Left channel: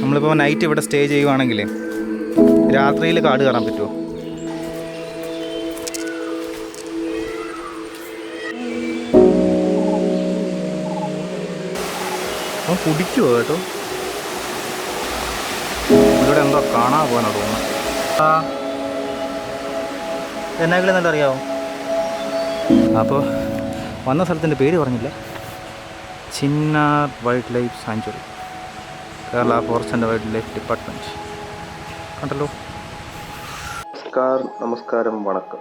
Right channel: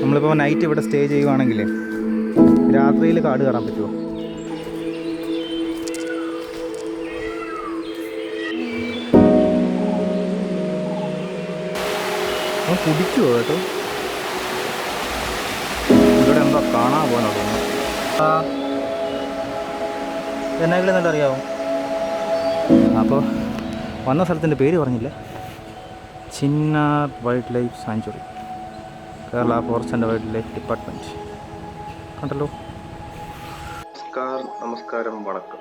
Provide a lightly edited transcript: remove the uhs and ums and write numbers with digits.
നമ്മളിപ്പോൾ നൈറ്റ് ഇവിടെ സ്റ്റേ ചെയ്യുവാണെങ്കിൽ രാത്രിയിൽ കാട് കയറാൻ പറ്റുമോ? അവൻ കുടിക്കുമോ കേട്ടോ? ഇവിടെ എന്തോ കാണാൻ പോകാനോ തോന്നുന്നു. എന്നെങ്കിലും നല്ല അറിയാവും. അപ്പോൾ വന്ന സ്ഥലത്തിൻ്റെ പേര് പറഞ്ഞില്ല. Chinnar wild life sanctuary, Kerala forest and wild life department. കണ്ടല്ലോ. നമസ്കാരം, വണക്കം.